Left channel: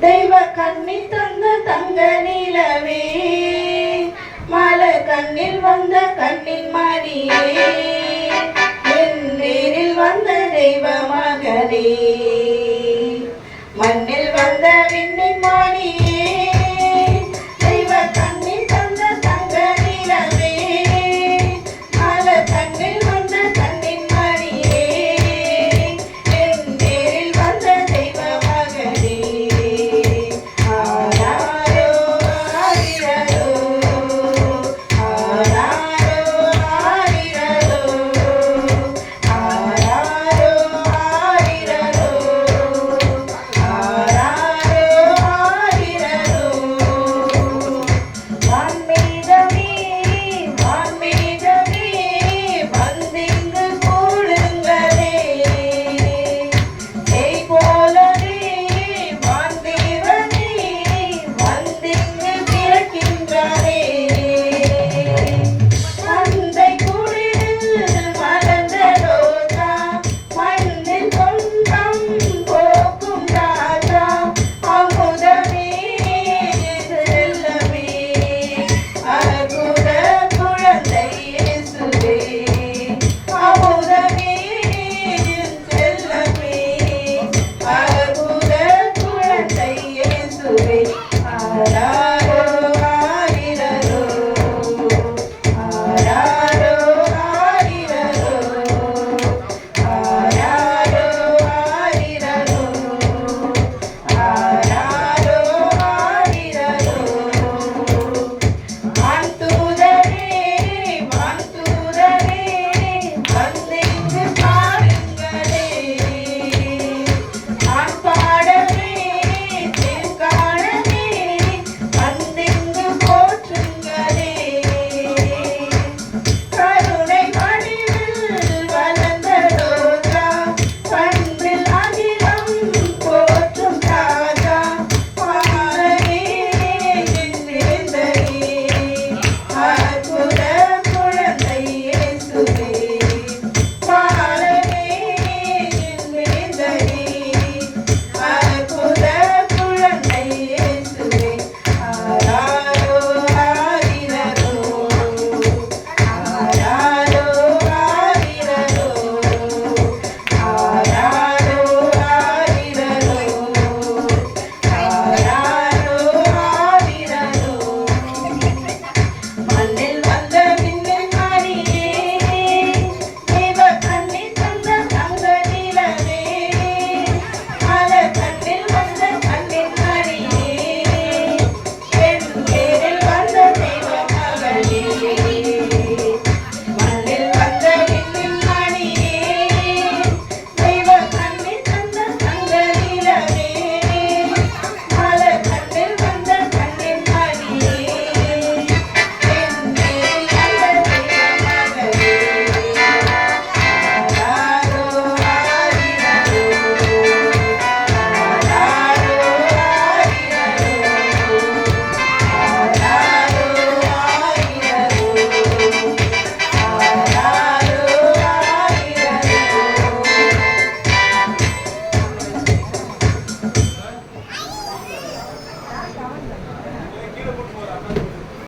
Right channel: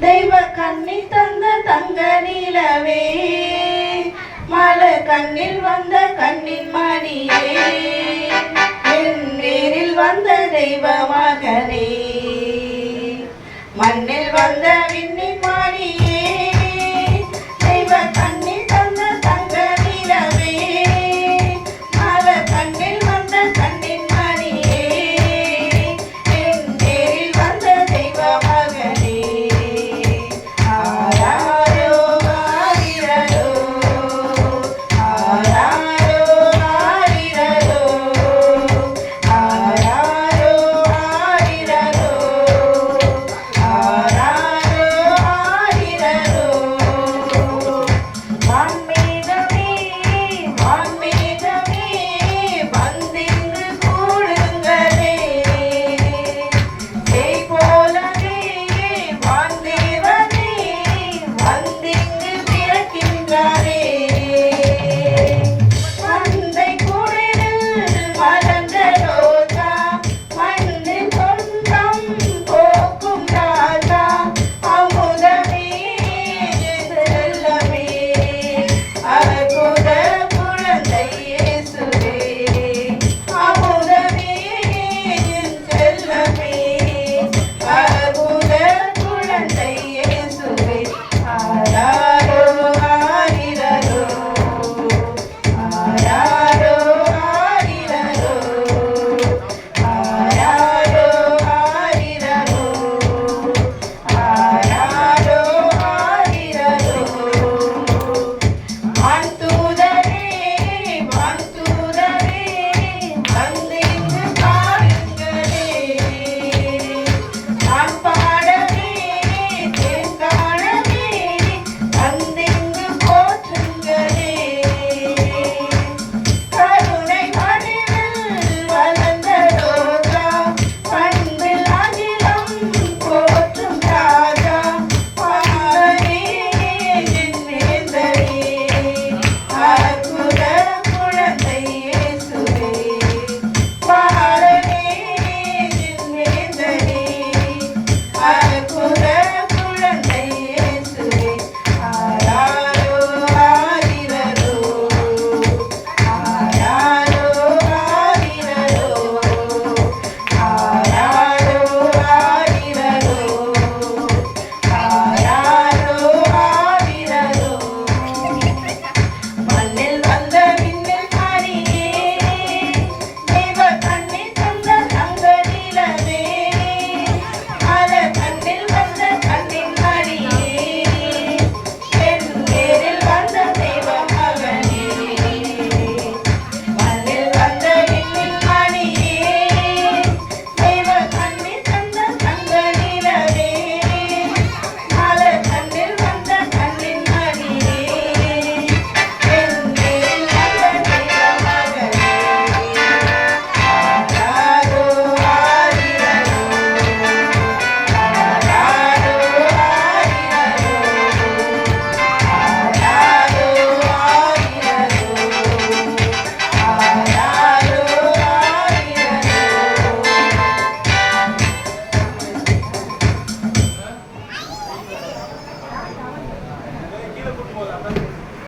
தெய்வ கண்ணி தந்த தங்க நிலவே? மல கண்ணில் வந்த கண்ணின் மணியே நீரில் வந்த தெய்வ மகனே மண்ணில் வந்த விண்ண